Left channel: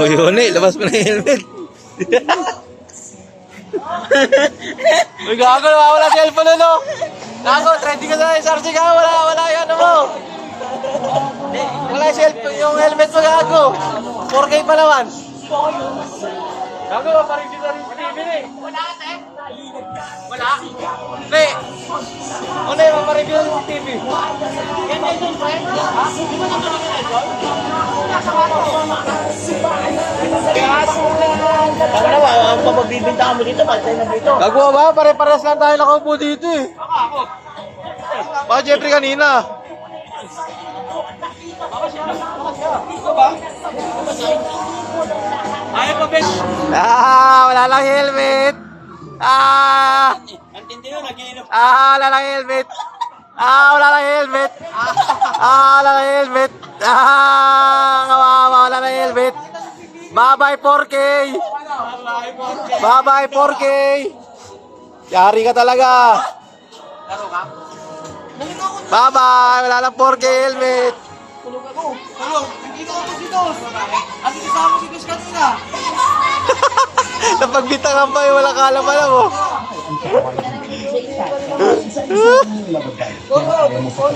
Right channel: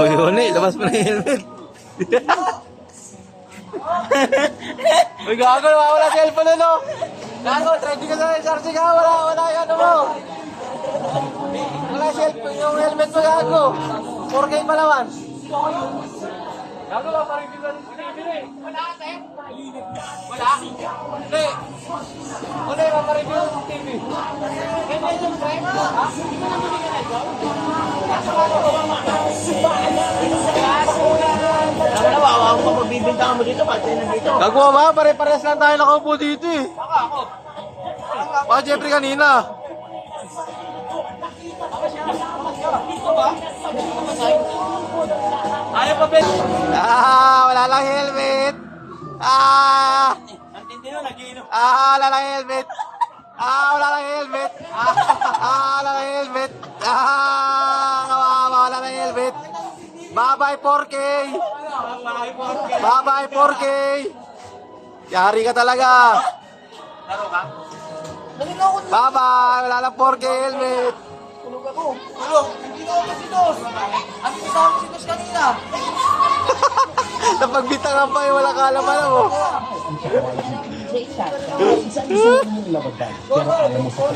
Uy, Huni, labas mo na yung helmet. Uy, gago, nawawala si cellphone ano? Gago, trending ka na yung SRC ka, wala yung ano mo. Wala yung cellphone, yung helmet mo gago. 4K pa naman. Gago, mapareview na rin sa TV eh. Wala, ate? Wala? Hindi. Wala yung mapareview na rin sa TV. Ganyan yung friend? Ha? Hindi mo naman yung idol? Wala sa ano? Wala ba? Ang pagbibinta mo dito, patay na dito. Gago ba? Pare-pares lang tayo nakaupo dito eh. Baka Jeffrey kanina. Ayaw pa, Ben. Wala lang helmet. Antindi nyo, nag-iinom. Wala lang helmet. Wala lang helmet. Wala lang helmet. Wala lang helmet. Bye-bye 4K. Bye-bye 4K. Yari ka talaga. Laro ka? Bye-bye. Wala lang 4K helmet. Tulong, nag-inom ako si Dos. Ano kasama si Dos kanina? Napagbitangan pa yung wala kalaman mo.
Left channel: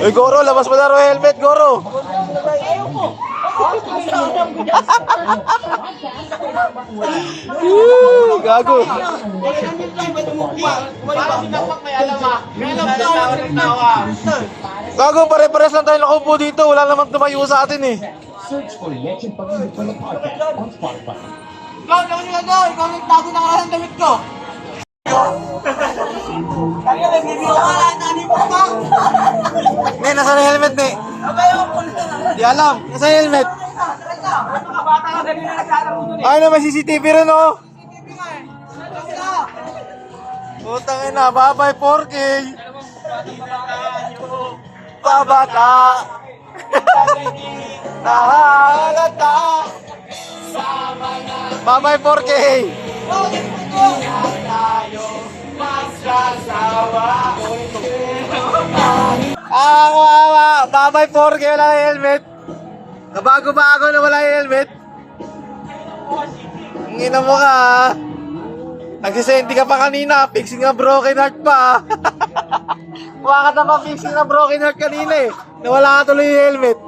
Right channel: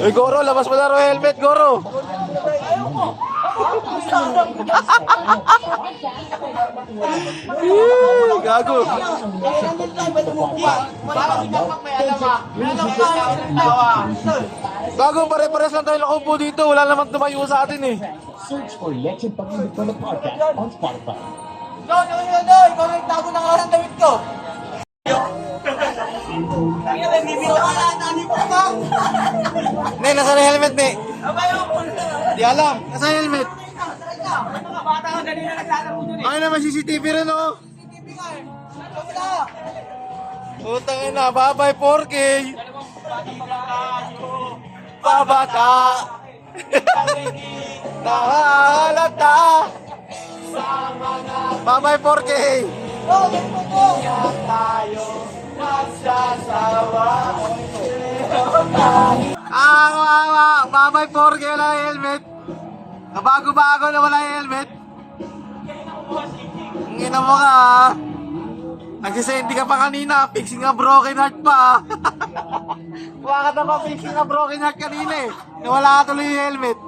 Uy, Goro, labas mo na ro helmet, Goro. Gago. Gago, pare-pares lang tayo nakaupo dito. Wala namang tumayo sa atin eh. Search for Legend Pag-ibig Podcast on Spotify. Ikaw, ikaw nagtago na nga ng damit ko. Kaya nagbibiro ka lang, nani mo ba? Ne, nasaan yung helmet, ne? Abay ako po na. Di alam, nasaan yung helmet? Ano ka bata ka ganun na nagkakaroon dun eh. Ay na, may CCTV rin oh. CCTV nga eh. Utang ina, bye-bye 4K. Babata. Nahalata. Bye-bye 4K. Kawawa. Bye-bye 4K, wala na helmet. Kabago-bago na wala yung helmet. Ang ina mo ka ha. Nagsisenti ka pa kanina, fixing a broken heart pa. Kuha ka na pa fixing a broken heart kanina eh. Nawala ka tuloy yung helmet.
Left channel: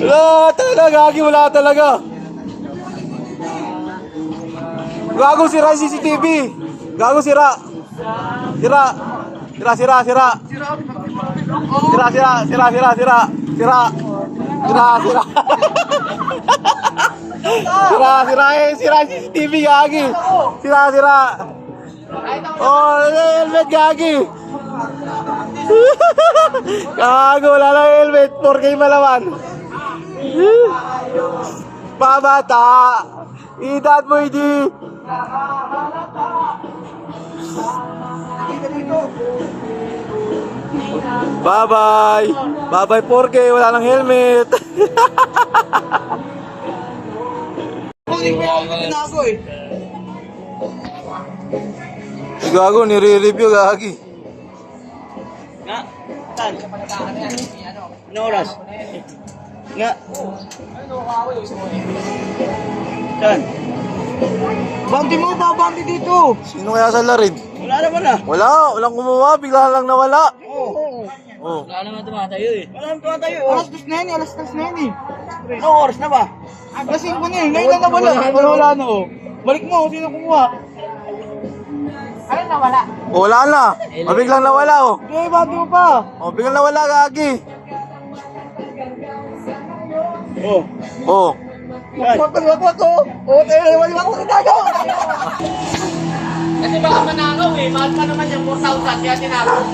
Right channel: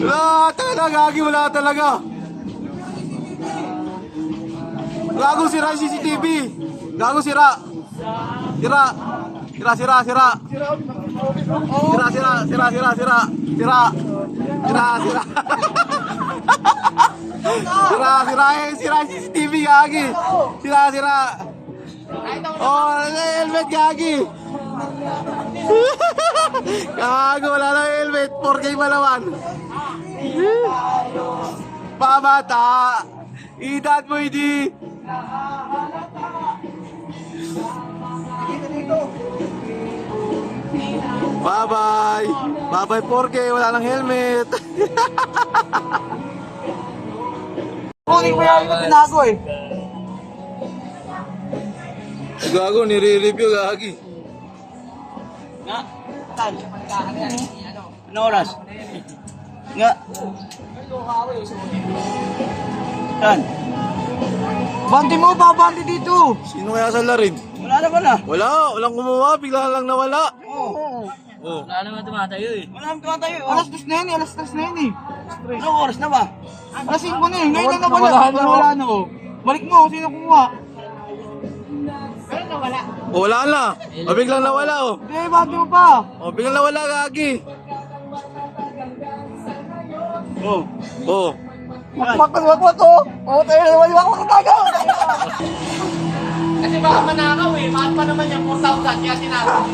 Wala talaga, Gagi, wala talaga. Gago, sira yung CCTV. Gago, sira. Sira. Sira. Sira. Sira. Sira yung CCTV, Gagi. Sira. Oh, helmet, Gagi. Gago, wala lang helmet. 4K malaman. Pabata. Edad mo, hindi. Bye-bye. Bye-bye 4K, wala lang helmet. Kunin mo lang yung tinago eh. Gago, nire-review, Gagi. Saan? Anong oras? Nga. Saan? Bandi mo ba? Bandi dito. Sino kaya sa larin? Wala naman ah. Walang kumuha, bigla lang nawala. Oh. Wala naman tumatayo eh. Wala naman tumatayo. Alas 2 na yan eh. Anong oras na ba? Alas 5 na eh. Ngayon na nawala. Wala na oh. Balik mo, sino kumuha? Ano nawala? Wala na. Biglang nawala, oh. Hindi, bandi mo pa. Oh, biglang nawala, Gagi. Oh. Oh. Wak ko. Oh, tayo, wak ko kitago. Kasi baka manakaw eh. Mahal pa naman yung 4,000 kaya tinakaw.